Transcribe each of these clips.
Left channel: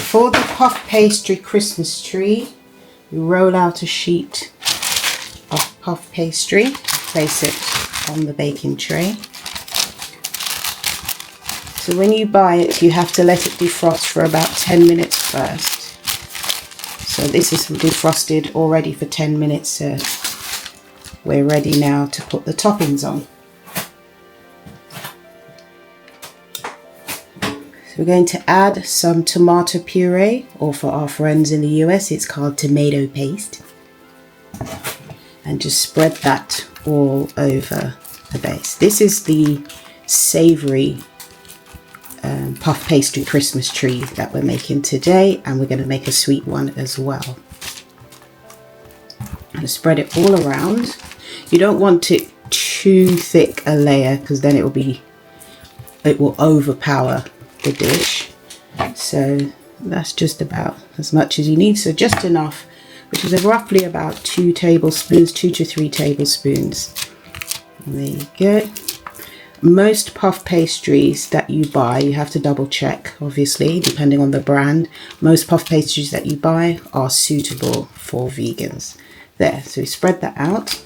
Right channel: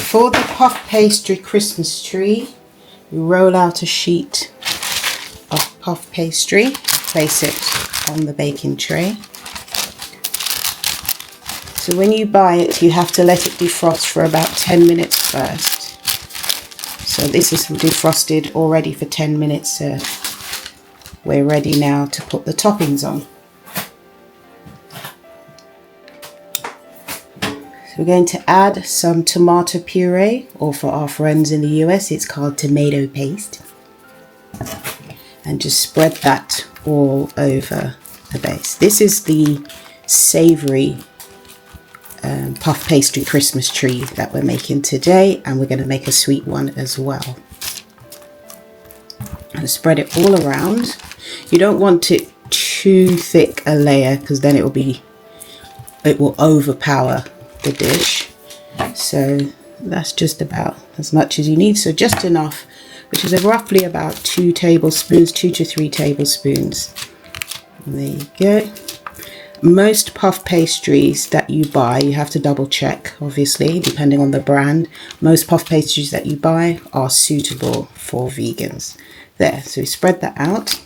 For the puff pastry Christmas tree, you roll out a sheet of puff pastry, place it on the baking tray. So when you buy it, you have to let it defrost for about 10 minutes first. So this is defrosted already for 10 minutes, so we're ready now to put the toppings on. So we're going to add some tomato puree, or for our friends in the US, it's called tomato paste. And just spread that all over the base. This is the savoury puff pastry Christmas tree that we're making today, and we're going to make a sweet one as well. And spread it all around. You don't want it too thick a layer, because then it will overpower the dish. So that's just about as much as you need, so just enough, which is roughly about 2 tablespoons, 2 to 3 tablespoons. And there you go. Most puff pastries that you buy, you have to double check, obviously, depending on the brand. Most puff pastries that you buy are suitable for vegans. There, so we spread that out.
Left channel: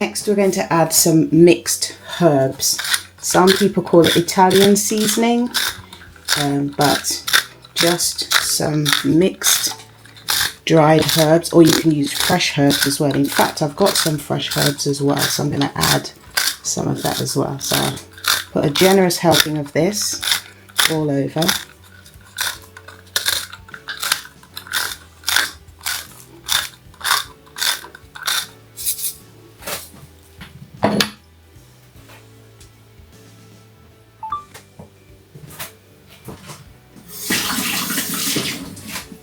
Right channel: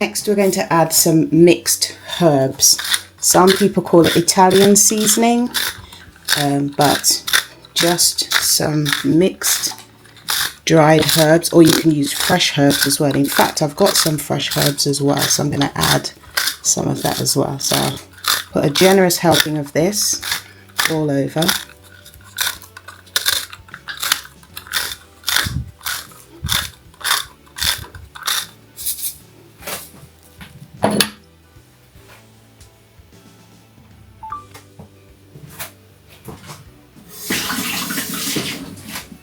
Next, we're going to add some mixed herbs. Some people call it Italian seasoning, but just some mixed dried herbs, or you can use fresh herbs as well. In fact, I've got some fresh herbs as well, so I'm going to add some of that as well. So I'll put a generous helping of this all over.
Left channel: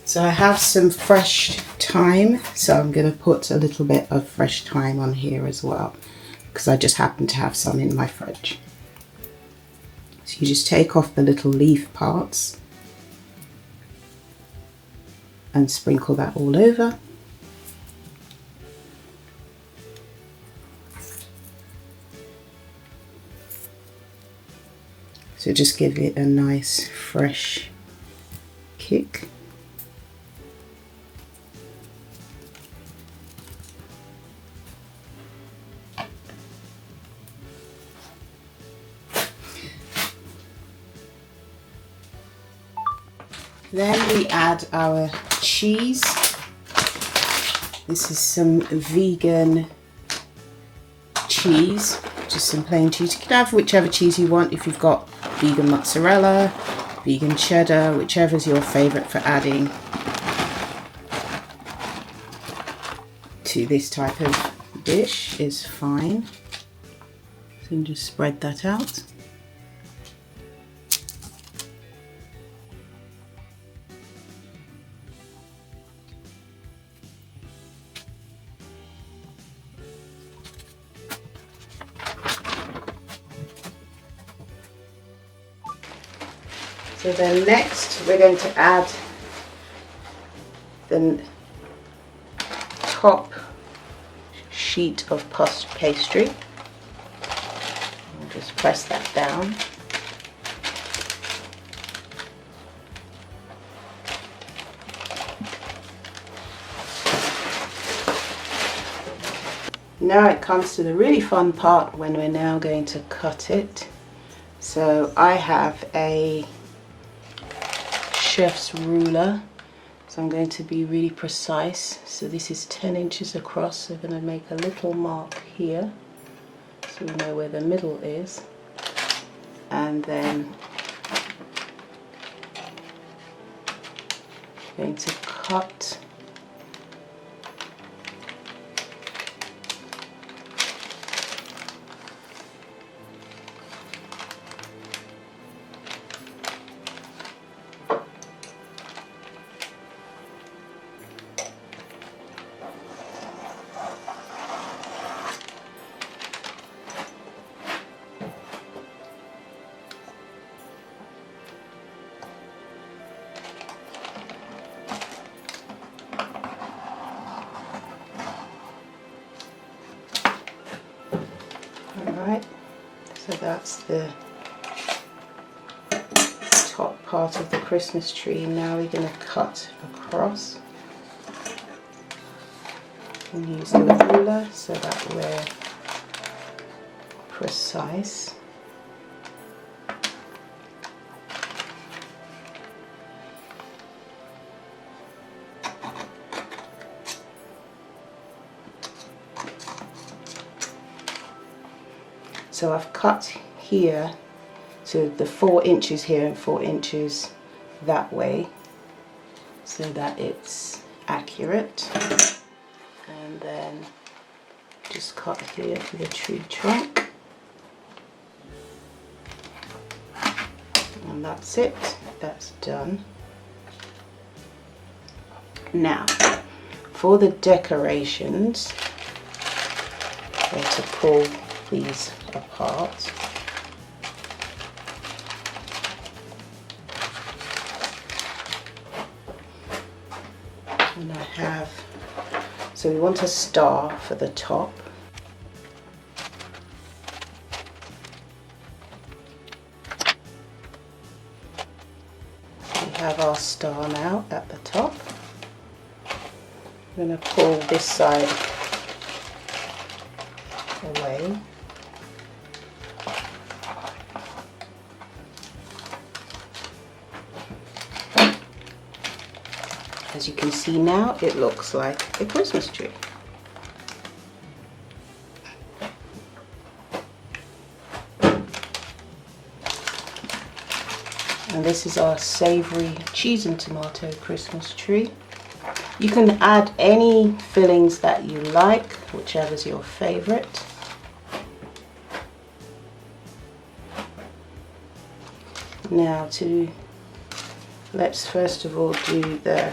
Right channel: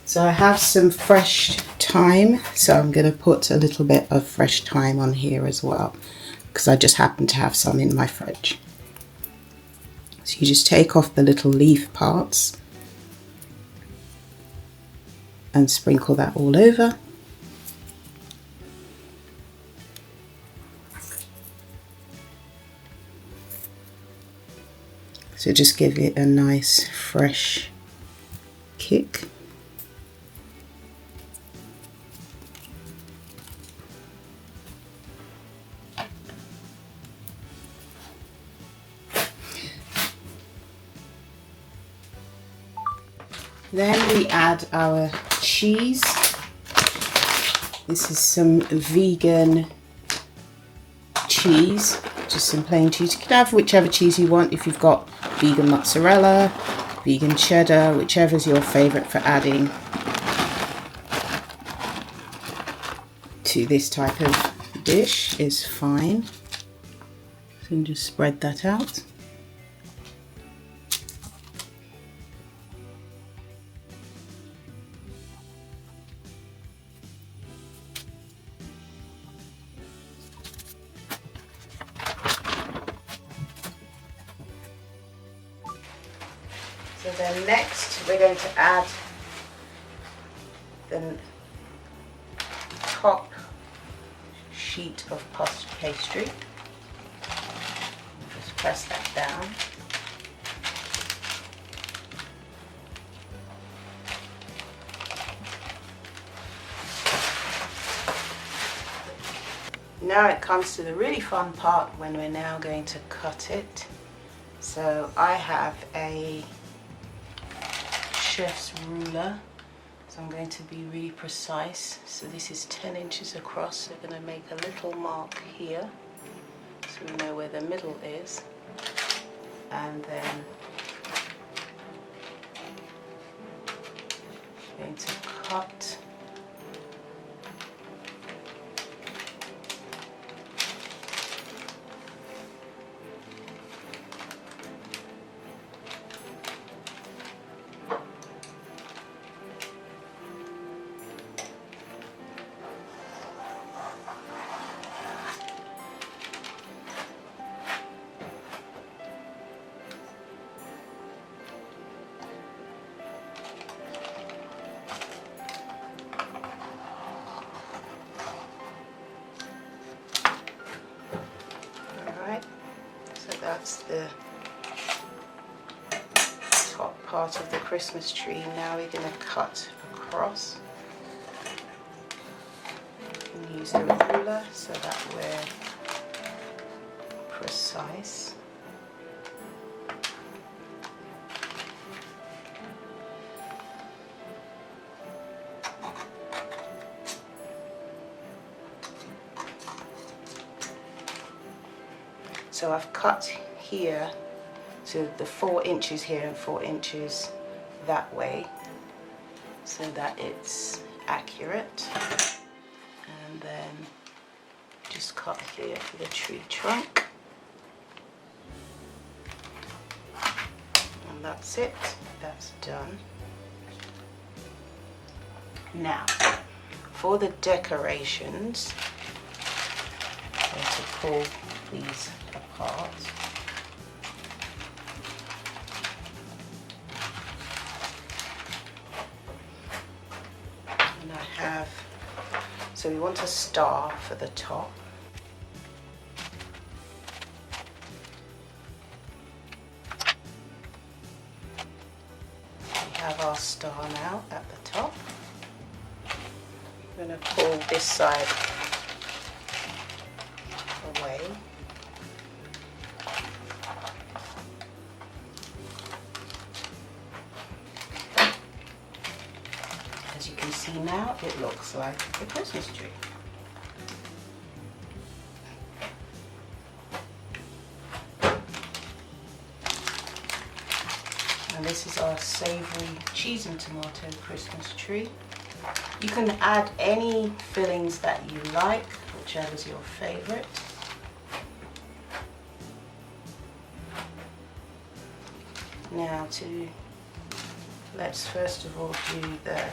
So I have some fresh thyme, so I'm going to put a little bit of fresh thyme on here as well, because I just happen to have some in my fridge. So you just take off the little leaf parts and sprinkle that all over. So just give it a nice fresh kick. Then we add our cheese. This is some vegan cheese, just some plain cheese. You can have whichever cheese you want. If you've got vegan mozzarella, vegan cheddar, whichever's your favorite for adding to this type of dish is fine. So you can just spread that out. So then next we're going to add the top sheet of puff pastry. We'll just press that down. Now it comes to the really fun part when we're now going to cut it. So I have a chef's ruler, so I'm going to be really precise. So this is 10 inches across, so I'm going to make a little mark here so we know where the middle is, and then I'm going to cut so that's the top part of the Christmas tree. Now we're going to cut across. And use the ruler so that we're precise. So I've cut here to the 4 inches here and 4 inches that way so that it's accurate. And then just cut here for the tree trunk. And that's it, that's done. Now, for the decorations, I'm going to pull these apart. And I have, so we want a star for the top. We have our star now at the top. I'm going to pull this side away. As you can see now, it looks like a Christmas tree. And this is our savoury cheese and tomato Christmas tree. You can add any fillings that you like, whichever's your favourite. Now let's first of all do the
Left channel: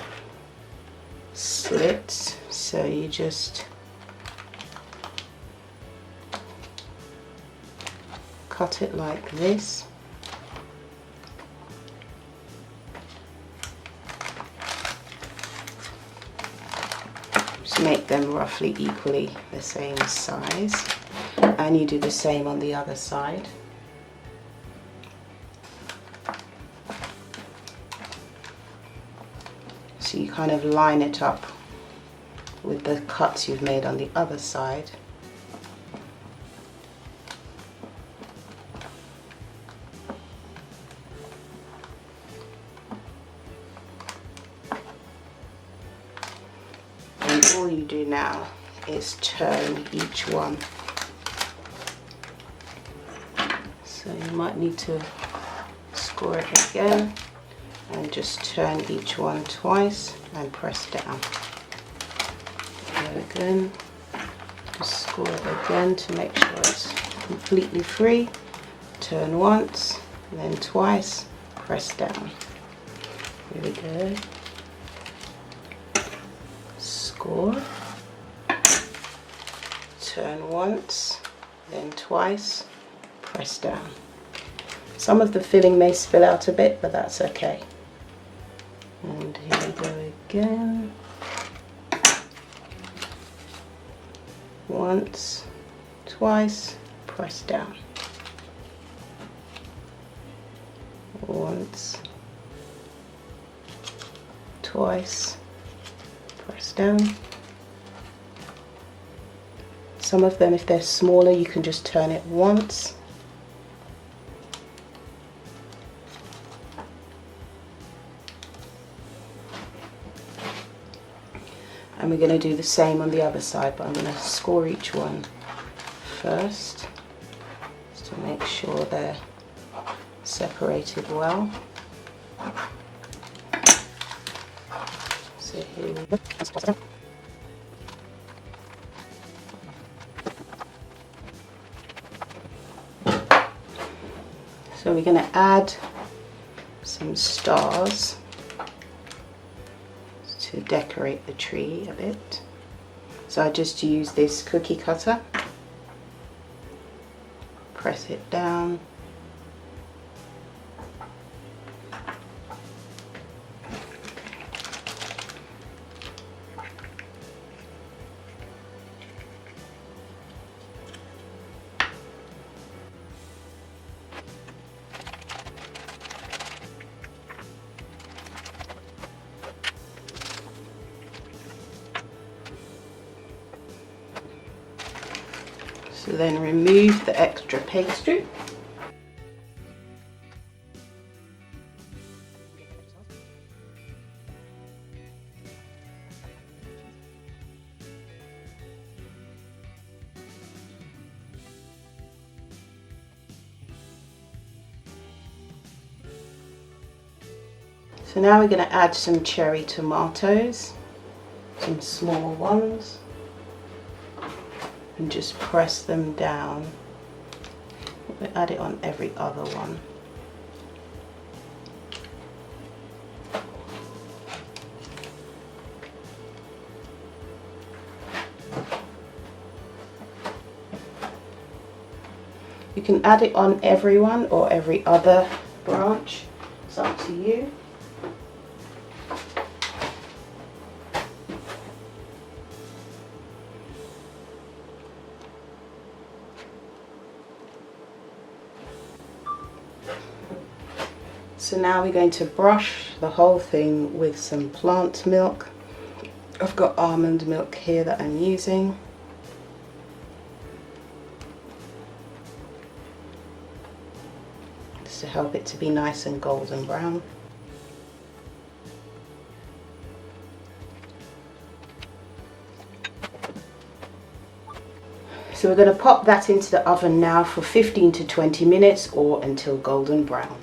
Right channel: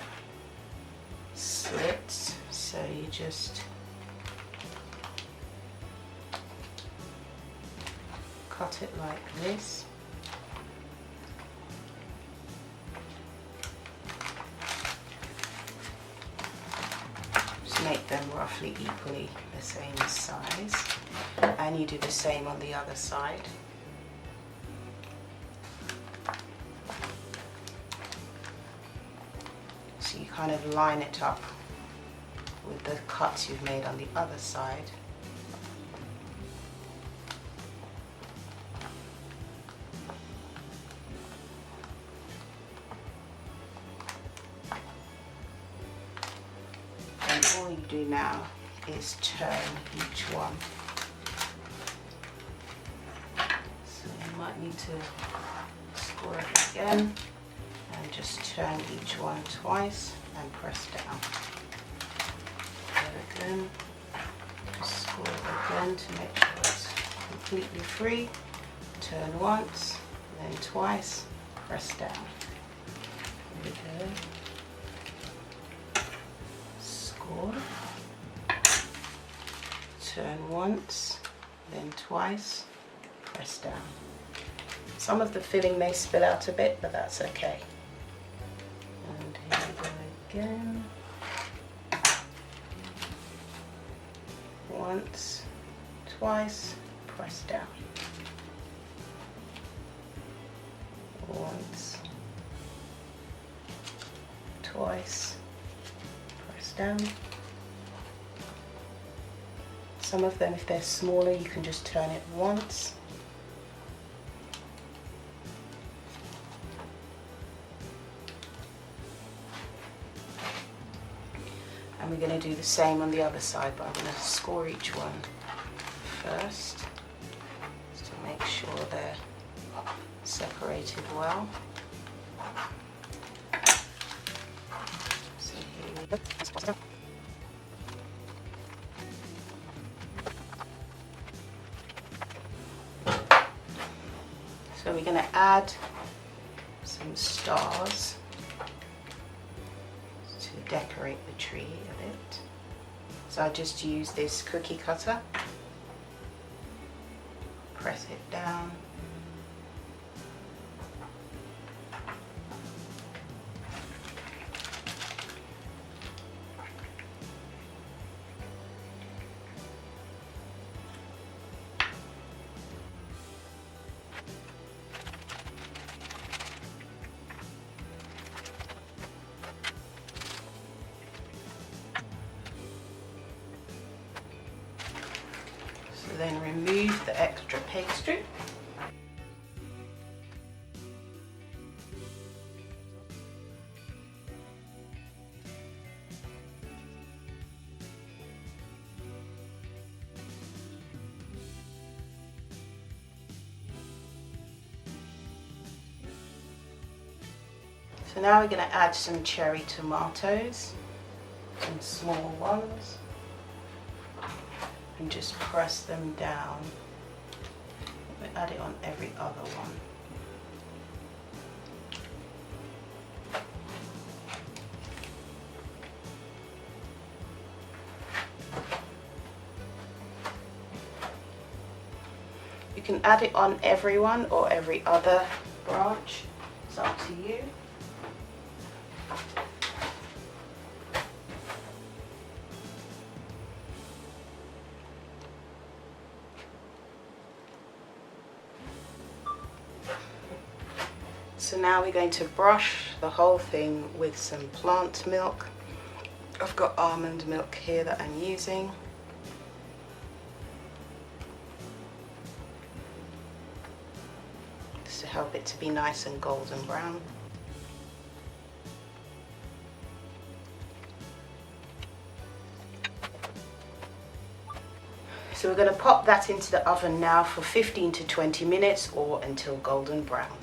slits. So you just cut it like this. Just make them roughly equally the same size, and you do the same on the other side. So you kind of line it up with the cuts you've made on the other side. And all you do now is turn each one. So you might need to score it again. And just turn each one twice and press down. There again. Just score it again to make sure it's completely free. Turn once, then twice, press down. Here we go. Score. Turn once, then twice, press down. Some of the filling may spill out a bit, but that's okay. And here we go again. Once, twice, press down. Once, twice, press down. Some of them, if they're smaller, you can just turn it once. And we're going to do the same on the other side, but I'm going to score each one first, just to make sure they're separated well. So here we go. So we're going to add some stars to decorate the tree a bit. So I just use this cookie cutter, press it down, So then remove the extra pastry. So now we're going to add some cherry tomatoes, some small ones, and just press them down. We'll add it on every other one. You can add it on every one or every other branch, it's up to you. So now we're going to brush the whole thing with some plant milk. I've got almond milk here that I'm using. Just to help it to be nice and golden brown. So we're going to pop that into the oven now for 15 to 20 minutes or until golden brown.